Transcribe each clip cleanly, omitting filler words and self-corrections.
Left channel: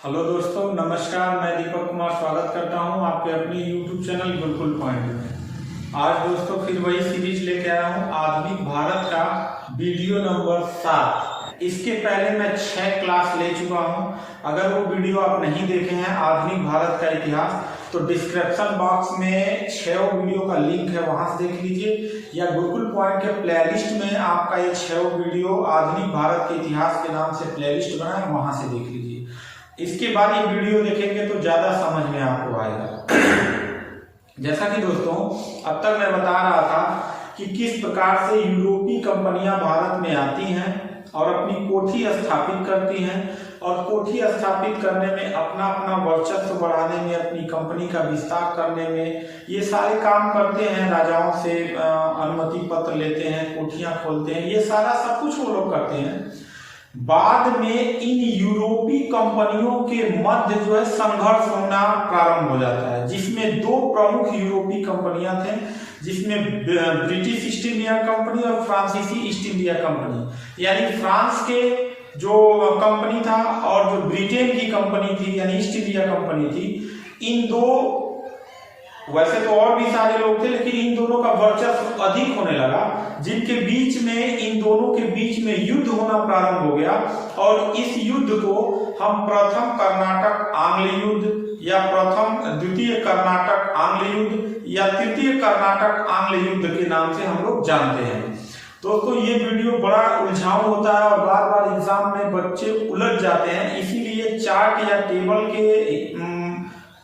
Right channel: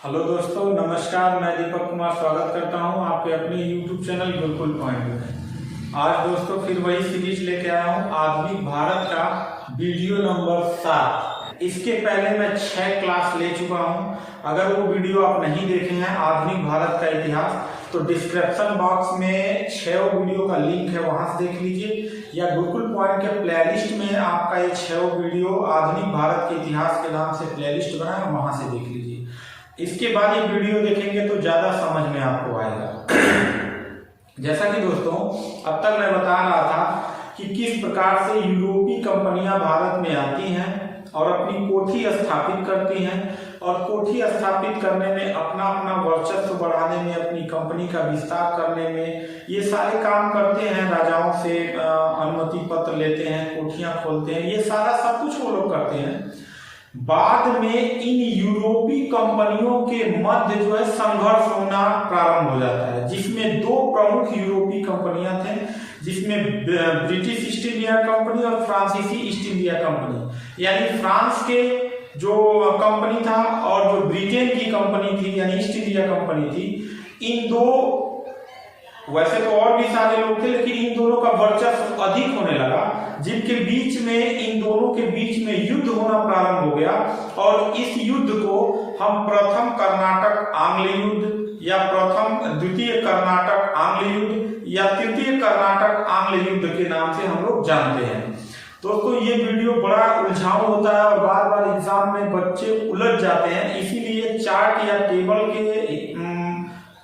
Hello दोस्तों, नमस्कार। मैं दीपक कुमार स्वागत करता हूं आपके अपने YouTube चैनल गुरुकुल पॉइंट में। आज दोस्तों फिर वही सीरीज लेके आया हूं, आधुनिक भारत का वीडियो नंबर 7। इसके पहले मैं 6 क्लास ले चुका हूं। अगर वो वीडियो आप नहीं देखे हैं आधुनिक भारत का इतिहास, तो डिस्क्रिप्शन बॉक्स में 6 वीडियो का लिंक है, वहां से देख लीजिए, या गुरुकुल पॉइंट के प्लेलिस्ट में आपका ये 6 वीडियो आधुनिक भारत के इतिहास के नाम से प्लेलिस्ट बना है, वहां से देख लीजिए। इसके बाद ये वीडियो देखेंगे तो ज्यादा समझ में आपको आएगा। जैसा कि दोस्तों अब तक मैं बता रहा था कि किस प्रकार से यूरोपीय कंपनियां भारत में आती हैं और अपनी कोठी स्थापित करती हैं, और कोठी स्थापित करने में अपना अपना वर्चस्व बढ़ाने में, अपनी कंपनी का विस्तार करने में ये सारे काम करते हैं। राजाओं से अनुमति पत्र लेते हैं, कोठियां खोलते हैं, ये सारा सब कुछ वो लोग करते हैं। बाद में इन यूरोपीय कंपनियों के मध्य जो है संघर्ष होना प्रारंभ हो जाता है, जिसमें 2 प्रमुख यूरोपीय कंपनियां थे, जिसमें ब्रिटिश ईस्ट इंडिया कंपनी और फ्रांसीसी ईस्ट इंडिया कंपनी। यानी फ्रांस के जो कंपनी था और जो ब्रिटेन की कंपनी थी यानी ईस्ट इंडिया कंपनी थी, इन दो, वैसे तो और भी सारे लोग थे, लेकिन इन दोनों का वर्चस्व अधिक होने लगा, जिनके बीच में, इन दोनों के बीच में युद्ध होना प्रारंभ हो गया। और इस युद्ध को हम प्रथम कर्नाटक आंग्ल युद्ध या द्वितीय कर्नाटक आंग्ल युद्ध या तृतीय कर्नाटक आंग्ल युद्ध के नाम से हम लोग जानते हैं। दोस्तों ये वीडियो बड़ा उलझाऊ होता है और बार बार एग्जाम में बच्चे उलझ जाते हैं, इसीलिए चार्ट या टेबल के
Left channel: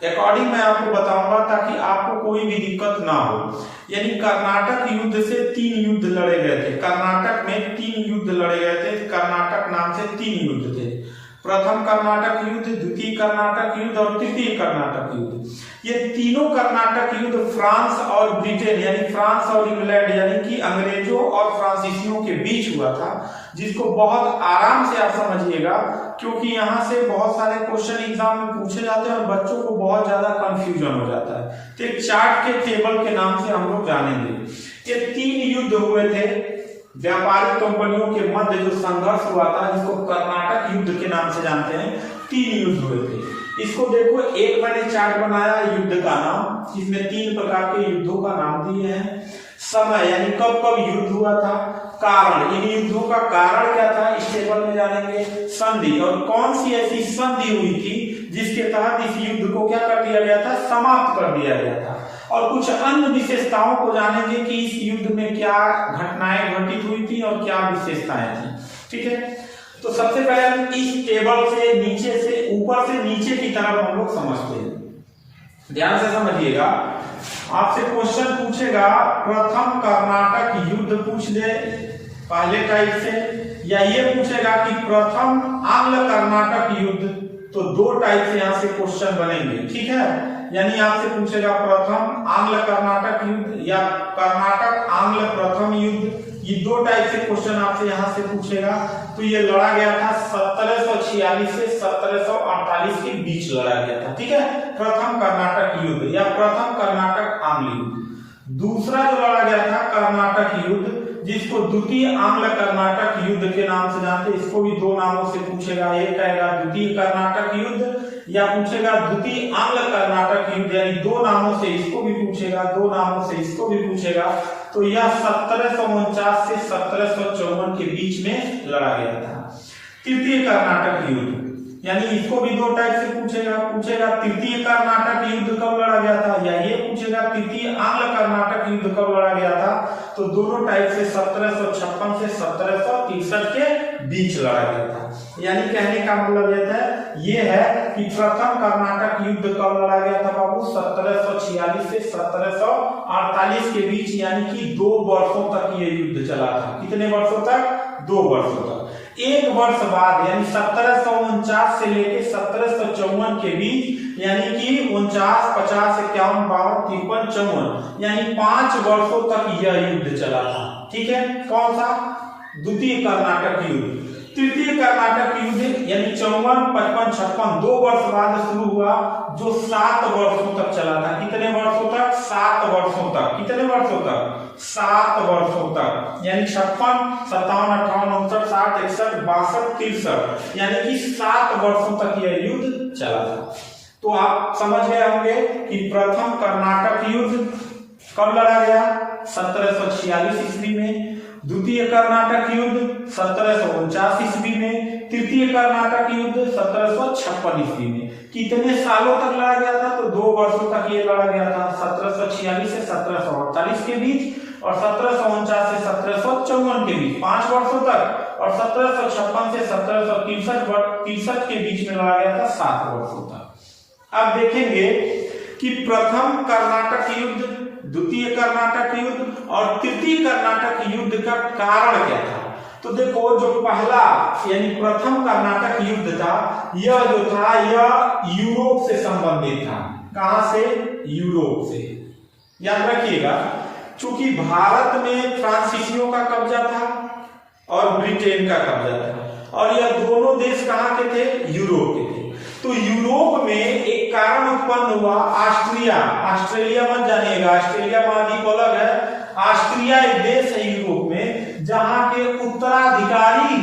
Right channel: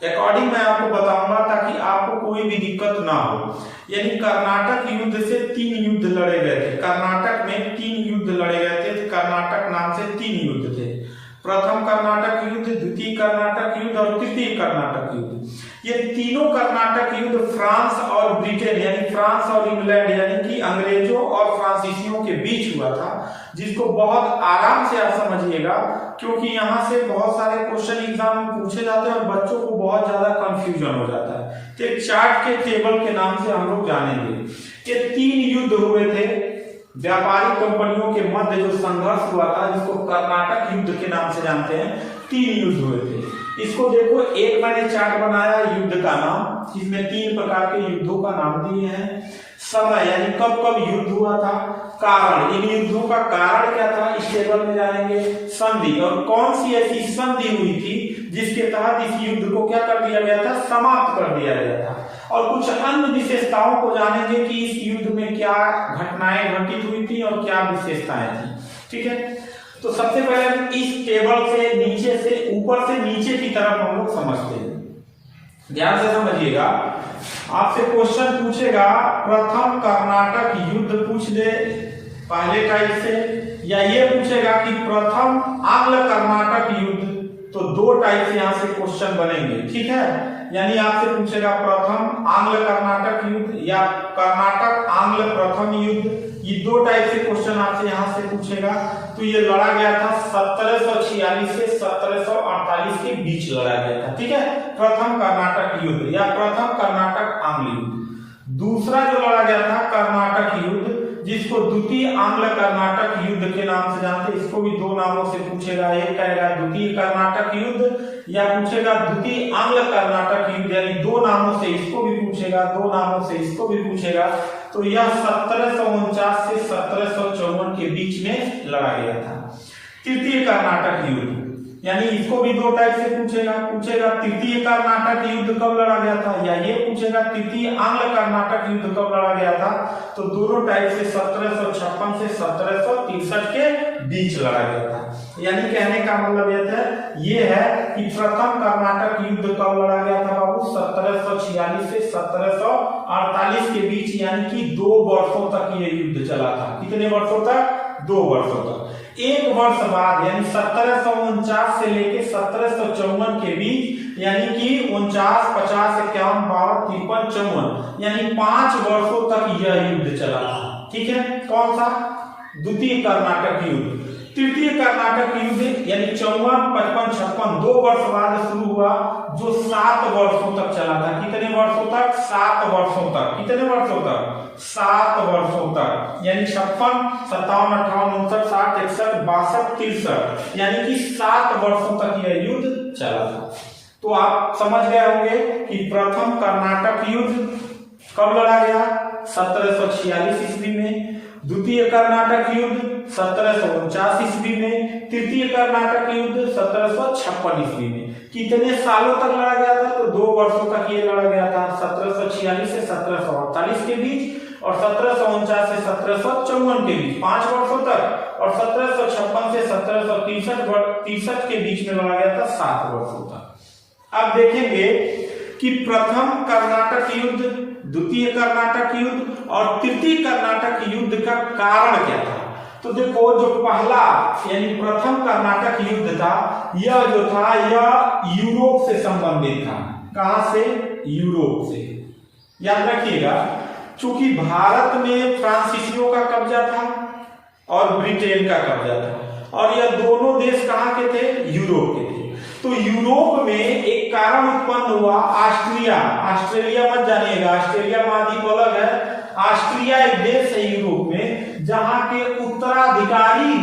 अकॉर्डिंग मैं आपको बताऊंगा ताकि आपको कोई भी दिक्कत ना हो। यानी कर्नाटक युद्ध से 3 युद्ध लड़े गए थे। कर्नाटक में 3 युद्ध लड़े गए थे। कर्नाटक नाम से 3 युद्ध थे। प्रथम कर्नाटक युद्ध, द्वितीय कर्नाटक युद्ध और तृतीय कर्नाटक युद्ध। ये तीनों कर्नाटक युद्ध फ्रांस और ब्रिटेन यानी फ्रांस और इंग्लैंड यानी कि अंग्रेजों और फ्रांसीसियों के बीच हुआ था, जिसको बहुत आराम से आप समझिएगा, क्योंकि यहाँ से बहुत सारे क्वेश्चन एग्जाम में पूछे जाते हैं और बच्चों को बहुत ज्यादा कंफ्यूजन हो जाता है। तो एक चार्ट के टेबल के नाम से हम लोग जानेंगे। ये 3 युद्ध हुए थे व्यापारिक कंपनियों के मध्य, जो संघर्ष हुआ था, जिसको कर्नाटक युद्ध के नाम से जानते हैं। 3 युद्ध हुए थे। इसको देखो, एक मैंने चार्ट बनाया युद्ध का नाम, जिसमें 3 प्रकार के युद्धों का नाम दिए हैं। समय यानी कब कब युद्ध हुआ था, कारण, इन युद्धों का कारण क्या था, इस टेबल में जानेंगे। संधि, और कौन सी ऐसी संधि हुई थी जिसके तहत इस युद्ध को क्या कर दिया गया था, समाप्त कर दिया गया था। और कुछ अन्य विशेषताओं को जानेंगे कि इस युद्ध में क्या घटनाएं घटित हुई थी और क्या विशेषताएं थी। ठीक है, तो सबसे पहले हम इस टेबल से नीचे से, ऊपर से नीचे की तरफ हम लोग समझते हैं। ध्यान से समझिएगा, आपसे क्वेश्चन पूछेगा, प्रथम कर्नाटक युद्ध पूछ ले पहले टाइप से, या ये पूछेगा कि प्रथम आंग्ल कर्नाटक युद्ध, तो 2 टाइप से यहाँ से क्वेश्चन बनेंगे। ठीक है, यानी आपसे पूछेगा प्रथम आंग्ल कर्नाटक युद्ध या कर्नाटक आंग्ल प्रथम युद्ध, ये 2 टाइप से क्वेश्चन आपसे यहाँ से पूछेगा। तो ये लड़ा गया था 1746 से 1748 के बीच लड़ा गया था। ठीक है, प्रथम कर्नाटक युद्ध या प्रथम कर्नाटक आंग्ल युद्ध। दूसरा जो लड़ा गया था कर्नाटक युद्ध, जिसको द्वितीय आंग्ल कर्नाटक युद्ध के नाम से जानते हैं, इसको भी 2 नामों से पूछेगा। एक कहेगा द्वितीय कर्नाटक युद्ध या पूछेगा द्वितीय आंग्ल कर्नाटक युद्ध, यानी 2 नामों से इसको भी पूछेगा, 2 नामों से इसको भी पूछेगा। तो यह 1749 से 1754 के बीच में लड़ा गया था। तृतीय कर्नाटक युद्ध, यानी इसको भी 2 टाइप से पूछेगा तृतीय कर्नाटक युद्ध कब लड़ा गया था, या ये पूछेगा तृतीय आंग्ल कर्नाटक युद्ध कब लड़ा गया था। तो दोनों टाइप से 1756 से 1763 के बीच लड़ा गया था। यानी कहने का मतलब ये है कि प्रथम कर्नाटक युद्ध कब लड़ा गया था बाबू, 1746 से 1748 के बीच, यानी कि 2 वर्षों तक ये युद्ध चला था। कितने वर्षों तक, 2 वर्षों तक। 1 वर्ष बाद यानी 1749 से लेके 1754 के बीच, यानी कि 49, 50, 51, 52, 53, 54, यानी 5 वर्षों तक यह युद्ध चला था। ठीक है, कौन सा, द्वितीय कर्नाटक युद्ध। तृतीय कर्नाटक युद्ध यानी 54, 55, 56, 2 वर्ष बाद शुरू हुआ, जो 7 वर्षों तक चला था। कितने वर्षों तक, 7 वर्षों तक। कितने वर्षों तक, 7 वर्षों तक, यानी 56, 57, 58, 59, 60, 61, 62, 63, यानी कि 7 वर्षों तक यह युद्ध चला था। तो आप समझ गए होंगे कि प्रथम कर्नाटक युद्ध कब लड़ा गया, 1746 ईस्वी में। द्वितीय कर्नाटक युद्ध 1749 ईस्वी में। तृतीय कर्नाटक युद्ध 1756 ईस्वी में। कितने सालों तक लड़ा गया था, तो 2 वर्षों तक ये लड़ा गया था, 1746 से 1748 के बीच और 1749 से 1754 के बीच 5 वर्षों तक, और 1756 से 1763 के बीच में लड़ा गया था 7 वर्षों तक। अब देखेंगे कि प्रथम कर्नाटक युद्ध, द्वितीय कर्नाटक युद्ध और तृतीय कर्नाटक युद्ध का कारण क्या था। तो देखो, जो पहला यानी प्रथम कर्नाटक युद्ध था, यह जो था यह यूरोप से संबंधित था। कहां से, यूरोप से। याद रखिएगा, चूंकि भारत में फ्रांसीसियों का कब्जा था और ब्रिटेन का कब्जा था, और यह दोनों देश कहां के थे, यूरोप के थे। तो यूरोप में एक कारण उत्पन्न हुआ, ऑस्ट्रेलिया मत जानिएगा, ऑस्ट्रेलिया महाद्वीप अलग है। ऑस्ट्रिया एक देश है यूरोप में जहां के उत्तराधिकारी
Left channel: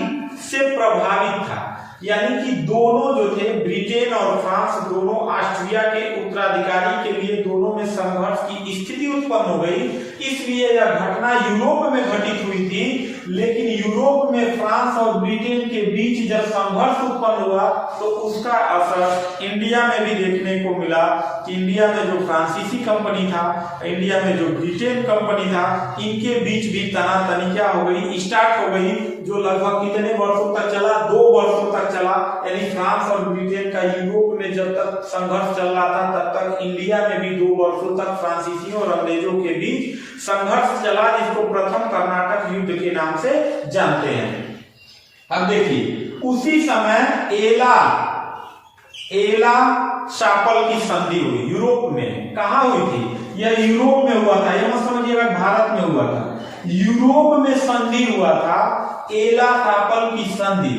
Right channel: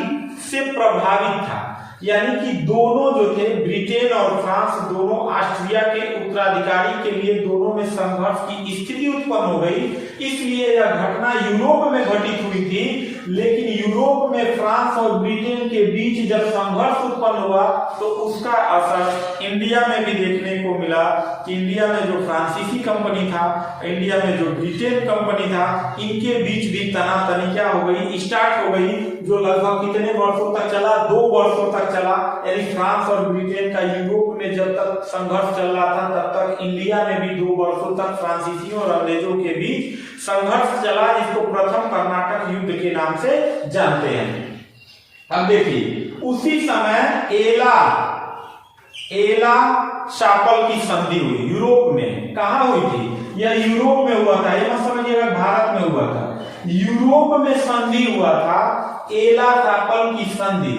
से प्रभावित था, यानी कि दोनों जो थे, ब्रिटेन और फ्रांस, दोनों ऑस्ट्रिया के उत्तराधिकारी के लिए दोनों में संघर्ष की स्थिति उत्पन्न हो गई। इसलिए यह घटना यूरोप में घटित हुई थी, लेकिन यूरोप में फ्रांस और ब्रिटेन के बीच जब संघर्ष उत्पन्न हुआ तो उसका असर इंडिया में भी देखने को मिला कि इंडिया में जो फ्रांसीसी कंपनी था, इंडिया में जो ब्रिटेन कंपनी था, इनके बीच भी तनातनी क्या हो गई, स्टार्ट हो गई, जो लगभग कितने वर्षों तक चला, 2 वर्षों तक चला। यानी फ्रांस और ब्रिटेन का यूरोप में जब तक संघर्ष चल रहा था, तब तक इंडिया में भी 2 वर्षों तक फ्रांसीसियों और अंग्रेजों के बीच संघर्ष चला, जिसको प्रथम कर्नाटक युद्ध के नाम से जानते हैं। अब देखिए, उसी समय एला शापल की संधि हुई यूरोप में। कहां हुई थी, यह यूरोप में हुआ था, ये मत समझिएगा भारत में हुआ था, यूरोप में संधि हुआ था, एला शापल की संधि।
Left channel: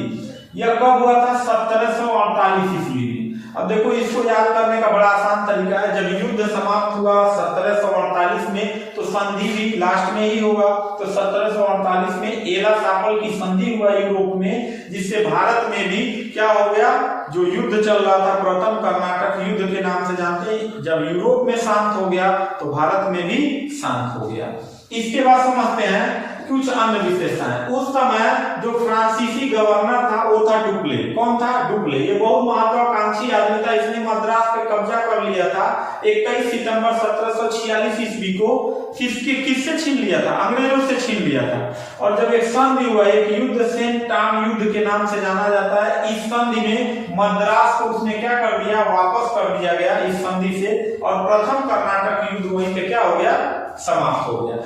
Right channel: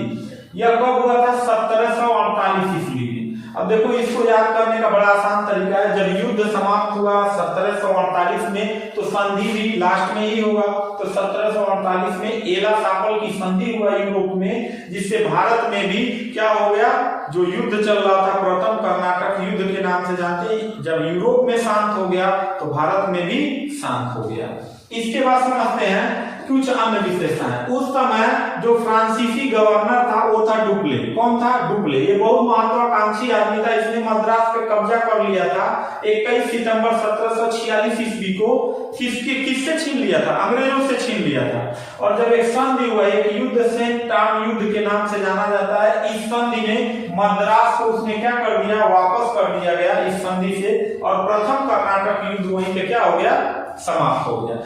यह कब हुआ था, 1748 ईस्वी में। अब देखो, इसको याद करने का बड़ा आसान तरीका है, जब युद्ध समाप्त हुआ 1748 में, तो संधि भी लास्ट में ही होगा। तो 1748 में एला शापल की संधि हुआ यूरोप में, जिससे भारत में भी क्या हो गया, जो युद्ध चल रहा था प्रथम कर्नाटक युद्ध के नाम से जानते हैं, जब यूरोप में शांत हो गया तो भारत में भी शांत हो गया। इसके बाद समझते हैं कुछ अन्य विशेषताएं। उस समय जो फ्रांसीसी गवर्नर था वो था डुप्ले। कौन था, डुप्ले। ये बहुत महत्वाकांक्षी आदमी था, इसने मद्रास पे कब्जा कर लिया था 21 सितंबर 1746 ईस्वी को। किससे छीन लिया था, अंग्रेजों से छीन लिया था। और जब एक संधि हुआ, एक युद्ध सेंट टॉम युद्ध के नाम से जाना जाता है, इस संधि में मद्रास को उसने क्या कर दिया, वापस कर दिया गया इस संधि से, और प्रथम कर्नाटक युद्ध वहीं पे क्या हो गया, समाप्त हो गया।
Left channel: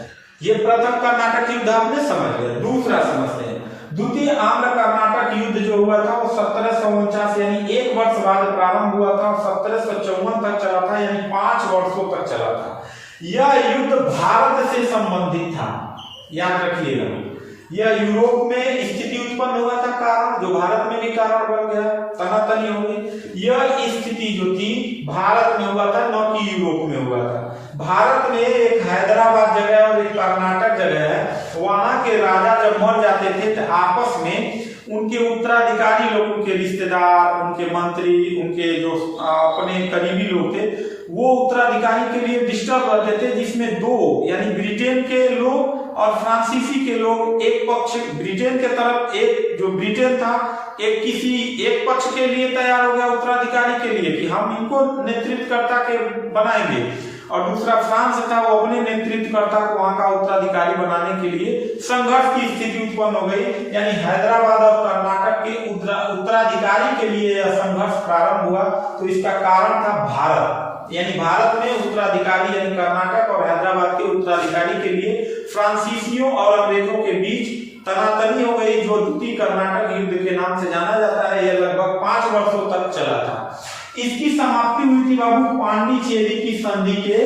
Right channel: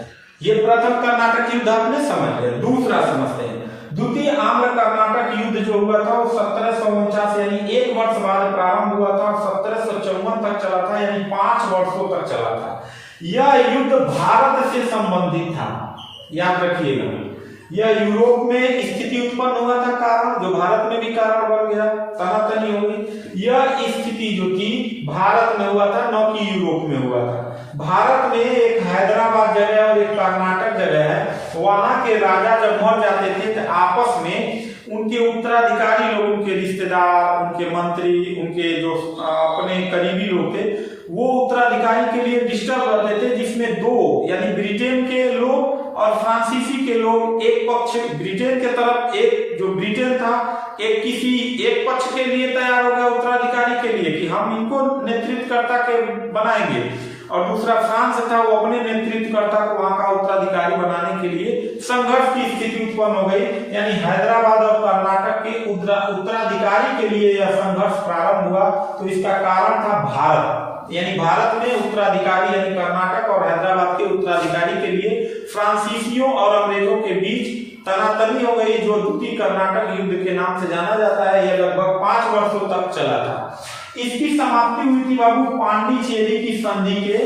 ये प्रथम कर्नाटक युद्ध आपने समझ गया। दूसरा समझते हैं, द्वितीय आम्र कर्नाटक युद्ध जो हुआ था वो 1749 यानी 1 वर्ष बाद प्रारंभ हुआ था और 1754 तक चला था, यानी 5 वर्षों तक चला था। यह युद्ध भारत से संबंधित था, याद रखिएगा। यह यूरोप में स्थिति उत्पन्न हुआ था, कारण जो भारत में भी कारण बन गया, तनातनी हो गई। यह स्थिति जो थी भारत में हुआ था, न कि यूरोप में हुआ था। भारत में एक हैदराबाद जगह और एक कर्नाटक जगह है, वहां के राजा जब मर जाते थे तो आपस में उनके उत्तराधिकारी लोग, उनके रिश्तेदार, उनके मंत्री, उनके जो अपने करीबी लोग थे, वो उत्तराधिकारी के लिए डिस्टर्ब रहते थे, जिसमें 2 यानी ब्रिटेन के लोग और फ्रांसीसी के लोग एक पक्ष, ब्रिटेन के तरफ एक जो ब्रिटेन था एक किसी एक पक्ष के लिए तैयार हो गया उत्तराधिकारी के लिए कि हम इनको नेतृत्वकर्ता के बनाएंगे, और दूसरा फ्रांस था, वो अपने नेतृत्वकर्ता को वहां का उत्तराधिकारी बनाने के लिए संघर्ष की स्थिति उत्पन्न हो गई। यानी हैदराबाद और कर्नाटक के उत्तराधिकारी के लिए यह संघर्ष प्रारंभ हुआ। तो इसका कारण था भारत, यानी भारत में उत्तराधिकारी यानी कर्नाटक और हैदराबाद के उत्तराधिकारी के लिए फ्रांसीसियों और अंग्रेजों के बीच तनातनी हो गई, जो द्वितीय कर्नाटक युद्ध के नाम से जाना जाता है। यह लगभग 5 वर्षों तक चला था। इसकी समाप्ति हुई थी बाबू पांडिचेरी की संधि के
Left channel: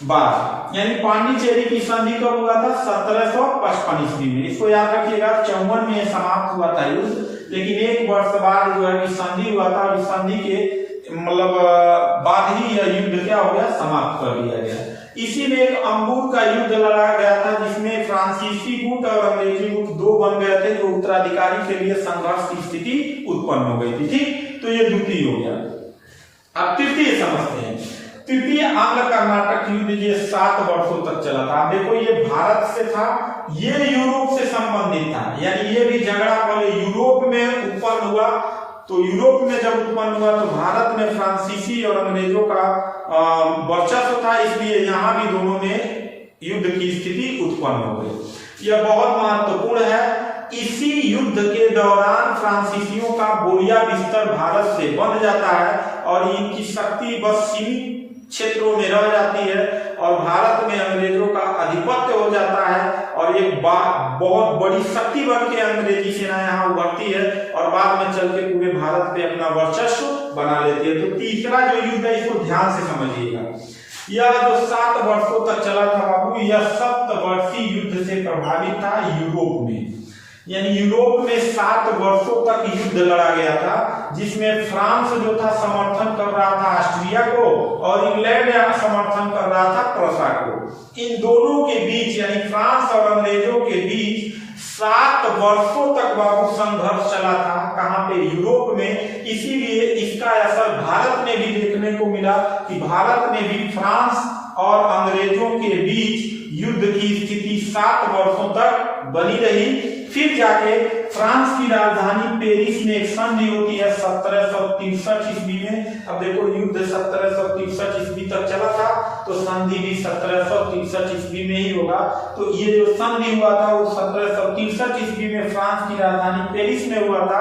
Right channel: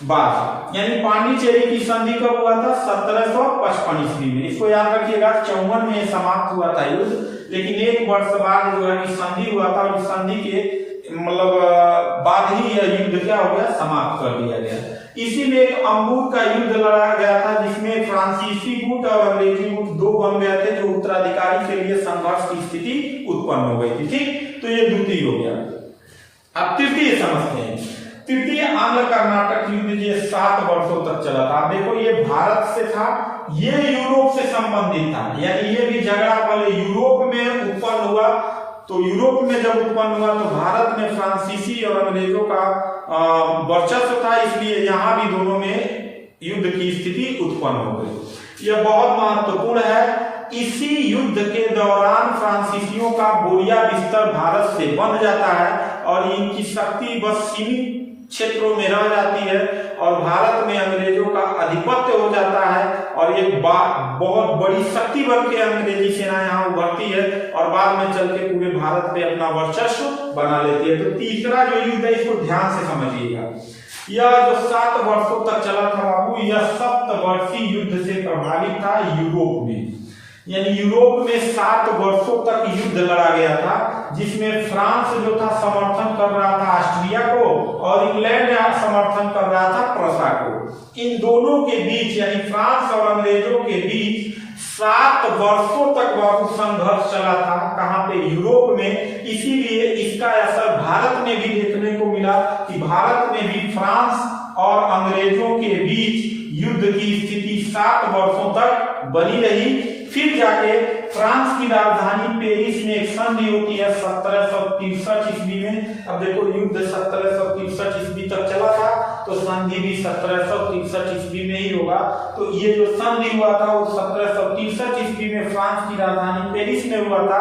बाद, यानी पांडिचेरी की संधि कब हुआ था, 1755 ईस्वी में। इसको याद रखिएगा, 54 में समाप्त हुआ था युद्ध, लेकिन 1 वर्ष बाद जो है संधि हुआ था, और इस संधि के मतलब बाद ही यह युद्ध क्या हो गया, समाप्त कर दिया गया। इसी में एक अंबुर का युद्ध लड़ाया गया था, जिसमें फ्रांसीसी गुट और अंग्रेजी गुट 2 बन गए थे, जो उत्तराधिकारी के लिए संघर्ष की स्थिति उत्पन्न हो गई थी। ठीक, तो ये द्वितीय हो गया। अब तृतीय समझते हैं। तृतीय आंग्ल कर्नाटक युद्ध ये 7 वर्षों तक चला था। अब देखो ये भारत से था, ये यूरोप से संबंधित था, यानी ये भी झगड़ा पहले यूरोप में उत्पन्न हुआ। तो यूरोप में जब उत्पन्न हुआ तो भारत में फ्रांसीसी और अंग्रेजों का वर्चस्व था, इसलिए यहां भी दोनों में युद्ध की स्थिति उत्पन्न हो गई। यह बहुत महत्वपूर्ण है। इसी युद्ध के दौरान फ्रांसीसियों का बोरिया बिस्तर भारत से बंध जाता है और इनकी शक्ति बस सीमित क्षेत्रों में रह जाती है और भारत में अंग्रेजों का आधिपत्य हो जाता है और एक बहुत बड़ी शक्ति बन के अंग्रेजी सेना यहाँ उभरती है और बाद में चल के पूरे भारत पे अपना वर्चस्व बना लेती है। तो तीसरा जो युद्ध है इसको ध्यान से समझिएगा। यह जो 7 वर्षों तक चला था बाबू, यह सप्तवर्षीय युद्ध से प्रभावित था यूरोप में, यानी यूरोप में 7 वर्षों तक युद्ध लड़ा गया था, जिसमें फ्रांस जो था समर्थन कर रहा था ऑस्ट्रिया को और इंग्लैंड समर्थन कर रहा था प्रूसिया को। इन दोनों के बीच यानी फ्रांस और अंग्रेजों के बीच 7 वर्षों तक बाबू संघर्ष चला था। कहां पे? यूरोप में। इसीलिए इसका असर भारत में भी देखने को मिला कि भारत में भी फ्रांस और अंग्रेजों के बीच युद्ध की स्थिति 7 वर्षों तक बनी रही। फिर जाके फ्रांस की राजधानी पेरिस में एक संधि होती है 1763 ईस्वी में। अब देखो युद्ध 1763 ईस्वी तक चला था तो संधि भी 1763 ईस्वी में ही होगा। तो ये जो संधि हुआ था वो 1763 ईस्वी में फ्रांस की राजधानी पेरिस में हुआ था,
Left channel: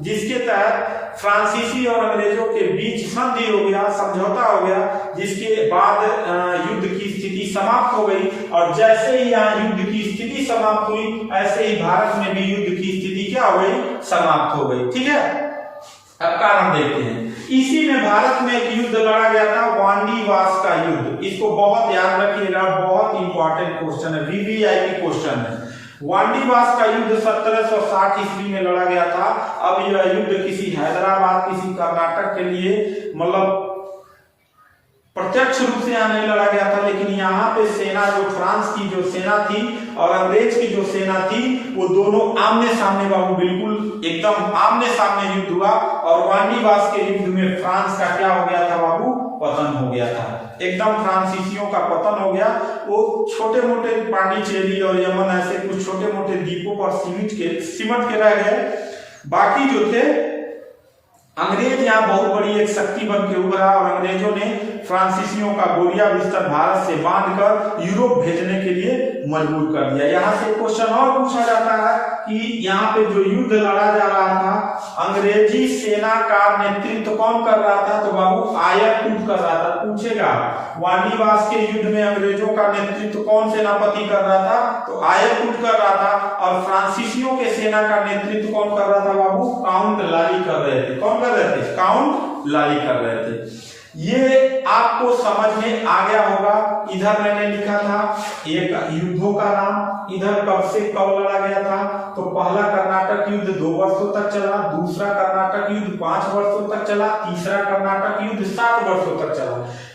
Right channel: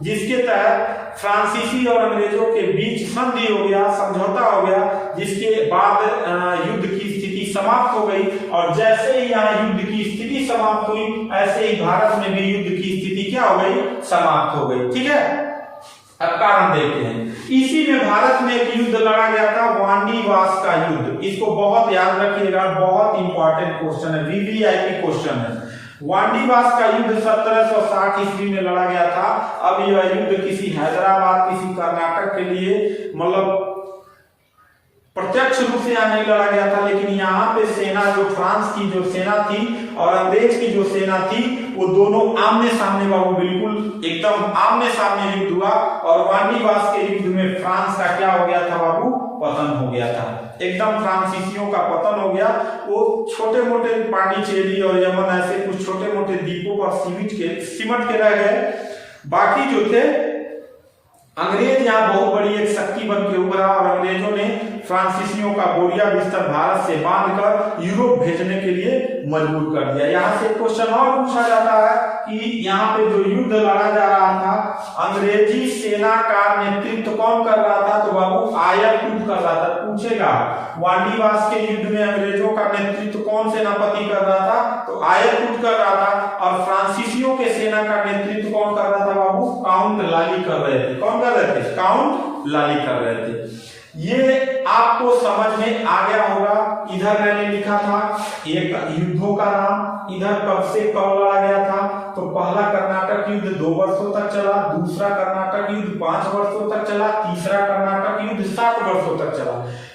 जिसके तहत फ्रांसीसी और अंग्रेजों के बीच संधि हो गया, समझौता हो गया, जिसके बाद युद्ध की स्थिति समाप्त हो गई। और जैसे ही यहाँ युद्ध की स्थिति समाप्त हुई ऐसे ही भारत में भी युद्ध की स्थिति क्या हो गई? समाप्त हो गई। ठीक है, अब कारण देखते हैं। इसी में भारत में एक युद्ध लड़ा गया था, वांडीवास का युद्ध। इसको बहुत याद रखिएगा, बहुत इंपॉर्टेंट क्वेश्चन है, वीवीआईपी क्वेश्चन है। वांडीवास का युद्ध 1760 ईस्वी में लड़ा गया था। अब यह युद्ध किसी हैदराबाद, किसी कर्नाटक के लिए मतलब प्रत्यक्ष रूप से यहाँ नहीं लड़ा गया था, लेकिन यहाँ पे सेना जो फ्रांस की जो सेना थी और अंग्रेज की जो सेना थी वो दोनों आमने सामने बाबू, बिल्कुल एकदम आमने सामने युद्ध हुआ। और वांडीवास के युद्ध में फ्रांस का क्या हो गया था बाबू? पतन हो गया था, एकदम फ्रांसीसियों का पतन हो गया। वो छोटे मोटे पांडिचेरी और यमन ऐसे कुछ छोटे मोटे द्वीपों पर सिमट के रह गए। बाकी जो थे अंग्रेज यहाँ बहुत बड़ी एक शक्ति बन के उभरा और अंग्रेजों ने फ्रांसीसियों का बोरिया बिस्तर भारत से बांधकर यूरोप भेजने के लिए मजबूर कर दिया। यहाँ से क्वेश्चन और पूछा जाता है कि यहाँ पे जो युद्ध लड़ा जा रहा था, अंग्रेजी सेना का नेतृत्व कौन कर रहा था? तो बाबू आयरकुट कर रहा था। पूछेगा वांडीवास के युद्ध में अंग्रेजों का नेतृत्व कौन सेनापति कर रहा था? तो आयरकुट कर रहा था। और फ्रांसीसियों के सेना का नेतृत्व कौन कर रहा था बाबू? काउंट लाली कर रहे थे। कौन कर रहे थे? काउंट लाली कर रहे थे। ये आपको समझ में आ गया होगा। इधर मैंने लिखा था एक युद्धों का नाम, इधर कब से कब लड़ा गया था। तो पहला कर्नाटक युद्ध 2 वर्षों तक चला, दूसरा कर्नाटक युद्ध 5 वर्षों तक चला, तीसरा कर्नाटक युद्ध 7 वर्षों तक चला।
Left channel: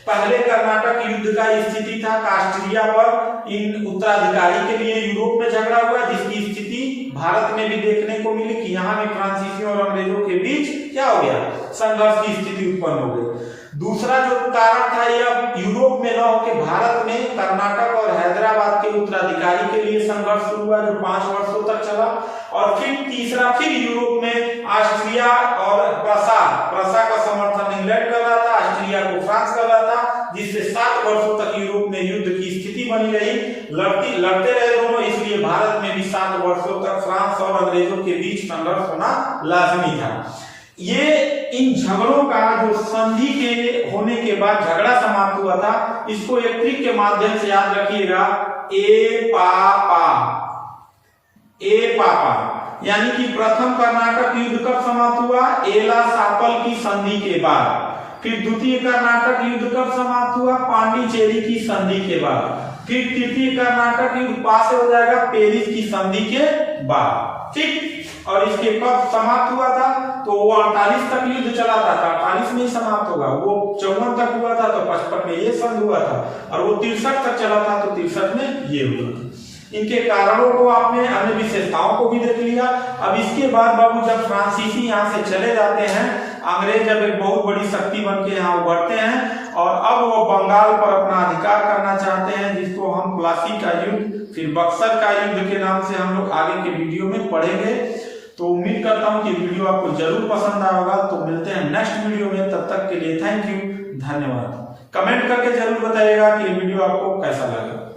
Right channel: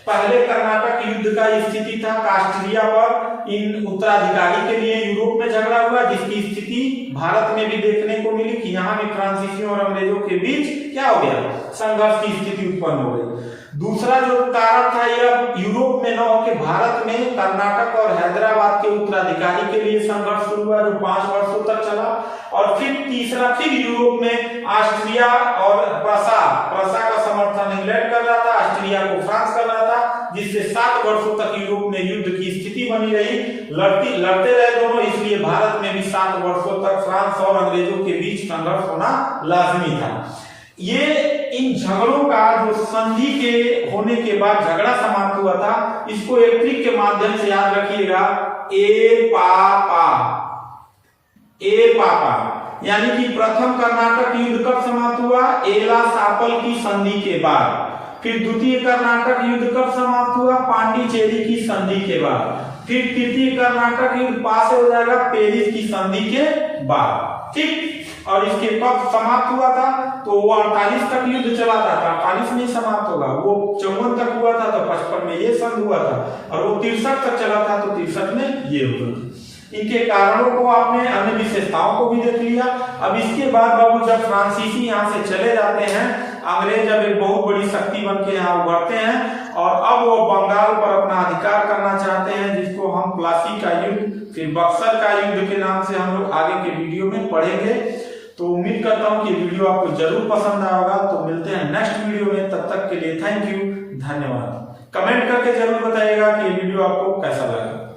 पहले कर्नाटक युद्ध का स्थिति था ऑस्ट्रिया पर इन उत्तराधिकारी के लिए यूरोप में झगड़ा हुआ, जिसकी स्थिति भारत में भी देखने को मिली कि यहाँ भी फ्रांसीसियों और अंग्रेजों के बीच क्या हो गया? संघर्ष की स्थिति उत्पन्न हो गई। दूसरा जो कारण था यह यूरोप में न होकर भारत में कर्नाटक और हैदराबाद के उत्तराधिकारी के लिए संघर्ष शुरू हुआ जो 5 वर्षों तक चला। और फिर तीसरा फिर यूरोप में ऑस्ट्रिया और प्रूसिया का समर्थन इंग्लैंड कर रहा था, ऑस्ट्रिया को फ्रांस कर रहा था, जिससे 7 वर्षों तक यूरोप में युद्ध की स्थिति बनी रही। लड़ते रहे दोनों, इसलिए भारत में भी 7 वर्षों तक फ्रांस और अंग्रेजों के बीच संघर्ष होना लाजमी था। ये इन झगड़ों का जो संधि के होने के बाद झगड़ा समाप्त हुआ था, इसको एक ट्रिक के माध्यम से याद रखिएगा। ए पापा यानी कि प्रथम कर्नाटक युद्ध कब समाप्त हुआ? एला सापल की संधि के बाद। फिर द्वितीय कर्नाटक युद्ध कब समाप्त हुआ? पांडिचेरी की संधि के बाद। फिर तृतीय कर्नाटक युद्ध पास हो जाएगा पेरिस की संधि के बाद। ठीक, और इसके कब समाप्त हुआ था? तो वो 48 तक युद्ध चला था, 48 में समाप्त होगा। वो 54 तक हुआ था तो 55 में ये संधि हुआ था, और वो 63 तक चला था तो 63 में ये हुआ। इनके कारणों को आपने, अन्य विशेषताओं को भी देख लिया। अब इसके बाद बाबू जब फ्रांसीसी यहाँ से चले जाते हैं, अंग्रेज अब एक बहुत बड़ी शक्ति बन के यहाँ उभरते हैं और अब वो बंगाल पर अपना अधिकार करना चाहते हैं, जिसको हम प्लासी का युद्ध फिर बक्सर का युद्ध के नाम से हम लोग आगे के वीडियो में पढ़ेंगे। तो उम्मीद करता हूँ कि वीडियो आपको जरूर पसंद आएगा। तो मिलते हैं नेक्स्ट वीडियो में, तब तक के लिए थैंक यू, धन्यवाद। कमेंट करके जरूर बताइएगा कि ये वीडियो आपको कैसा लगा।